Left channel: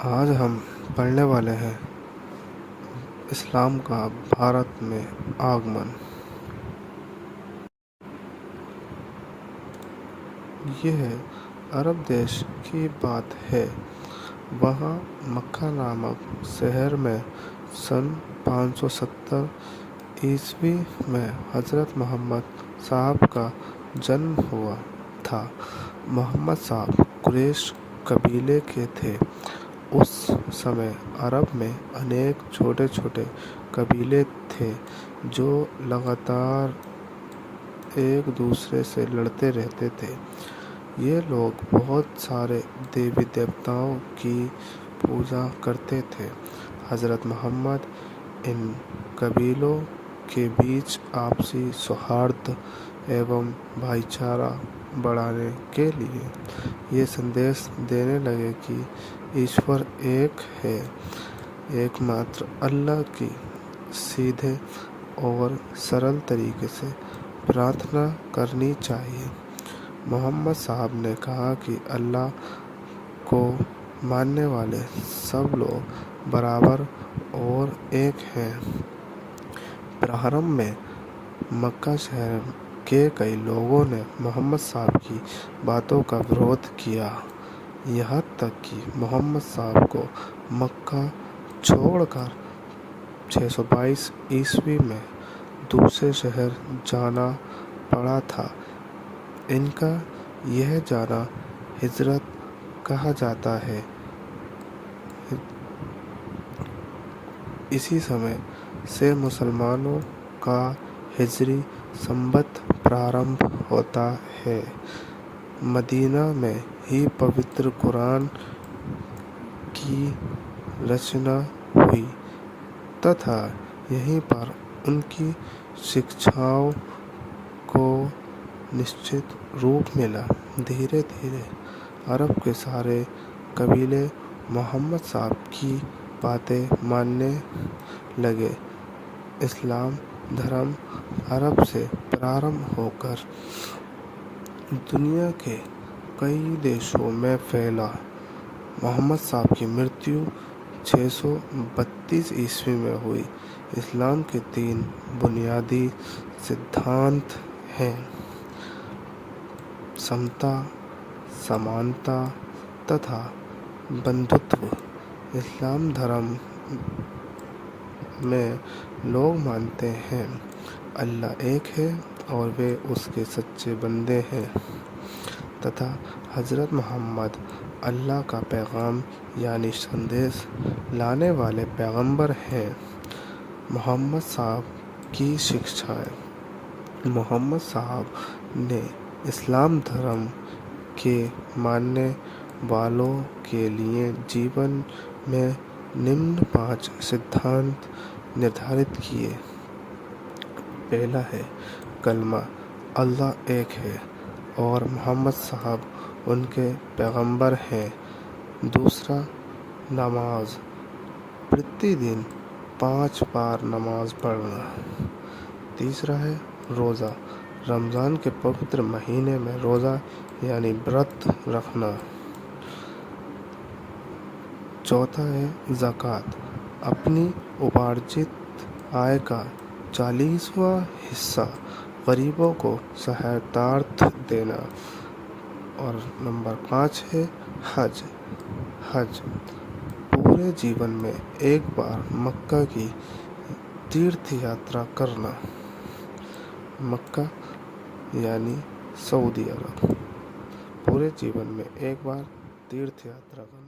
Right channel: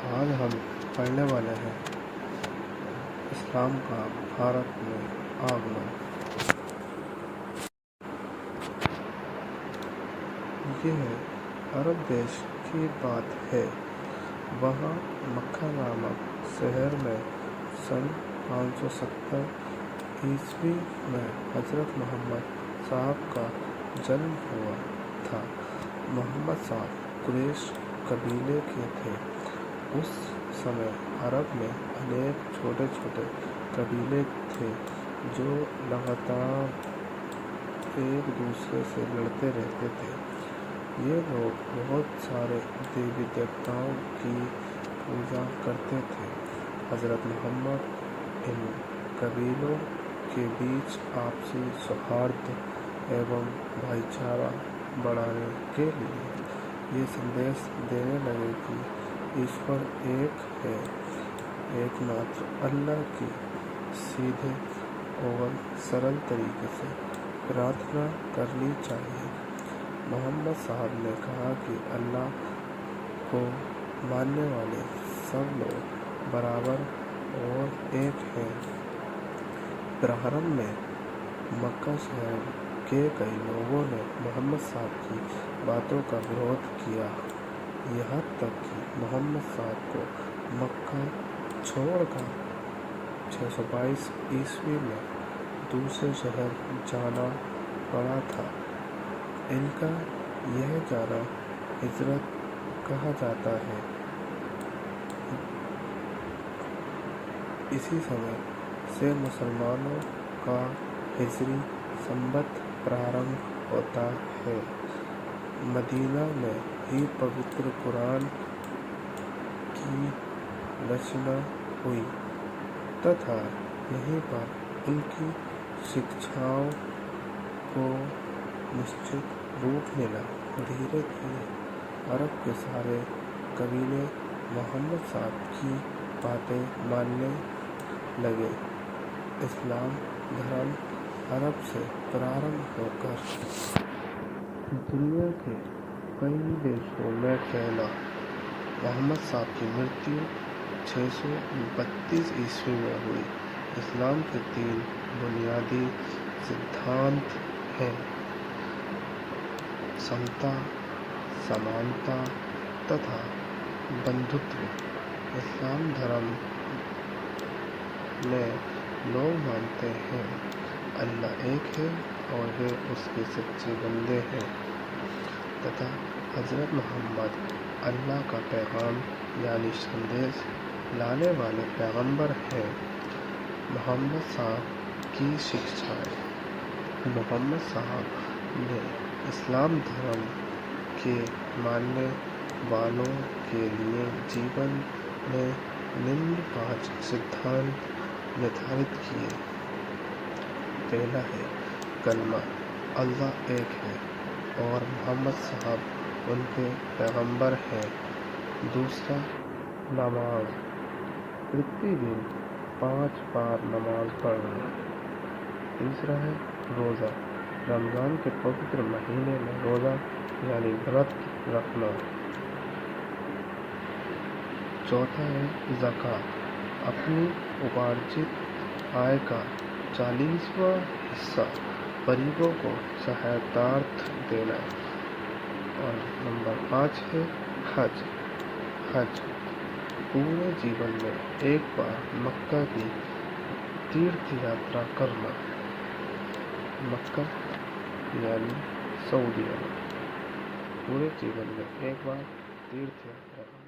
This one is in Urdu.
آج ہم پڑھنے والے ہیں اسلام کا بھارت میں آگمن۔ یہ عرب دیش کی بات ہے۔ وہاں مکہ نامک شہر میں سن 570 عیسوی میں حضرت محمد صاحب کا جنم ہوا تھا۔ محمد صاحب قریش قبیلے کے تھے۔ اس سمے عرب میں انیک چھوٹے چھوٹے قبیلے تھے جو لگاتار ایک دوسرے سے لڑتے رہتے تھے۔ یہ لوگ بہت سارے دیوی دیوتاؤں کی پوجا کرتے تھے۔ حضرت محمد ان قبیلوں کے بیچ آپسی سوہارد ایوم بھائی چارہ بڑھانے کے لیے یہ سندیش دینے لگے کہ ایشور ایک ہے، ایک ماتر اللہ کی سیدھے اور سرل طریقے سے پرارتھنا کرنی چاہیے۔ محمد صاحب نے کہا کہ اللہ کو ماننے والے سب لوگ برابر اور ایک ہیں۔ پرارمبھ میں مکہ شہر کے کئی لوگوں نے محمد صاحب کی باتوں کا ورودھ کیا، یہاں تک کہ محمد صاحب کو مکہ چھوڑ کر 622 عیسوی میں دوسرے شہر جانا پڑا تھا۔ ان کا یہ جانا ہجرت کہا جاتا ہے۔ اسی سمے سے مسلمانوں کا ہجری سنوت پرارمبھ ہوتا ہے۔ مدینہ میں ہی پوتر قرآن کی رچنا ہوئی تتھا یہیں پر ان کی شکشاؤں کو نشچت روپ ملا۔ دھیرے دھیرے عرب کے سارے قبیلے محمد صاحب کی باتیں ماننے لگے۔ اسلام دھرم عرب سے پرارمبھ ہو کر دنیا کے کئی دیشوں میں پھیلا۔ محمد صاحب کی مرتیو 632 عیسوی میں ہوئی۔ اسلام کے 3 بنیادی سدھانت ہیں: سمتا، سمانتا تتھا بندھتو۔ اسلام دھرم میں لوگ مانتے ہیں اللہ ایک ہے اور وہ اس کے سچے بندے ہیں تتھا حضرت محمد اللہ کا پیغام یعنی سندیش لانے والے پیغمبر ہیں۔ محمد صاحب کی شکشائیں: محمد صاحب نے اسلام دھرم کے ماننے والوں کے لیے جیون میں نمن 5 سدھانت نردھارت کیے۔ پہلا ہے کلمہ اللہ ایک ہے اور محمد صاحب ان کے پیغمبر ہیں۔ دوسرا نماز، پرتی دن 5 بار نماز پڑھنا۔ تیسرا ہے روزہ، رمضان کے پوتر مہینے میں روزہ یعنی ورت رکھنا۔ چوتھا ہے زکوٰۃ، اپنی اپارجت آئے کا 40واں حصہ غریبوں کو سہایتارتھ دینا۔ اور نمبر 5 ہے حج۔ حج پورے جیون میں ایک بار مکہ کی تیرتھ یاترا کرنا۔ مکہ یعنی سعودی عرب، پورے جیون میں ایک بار تیرتھ یاترا کرنا۔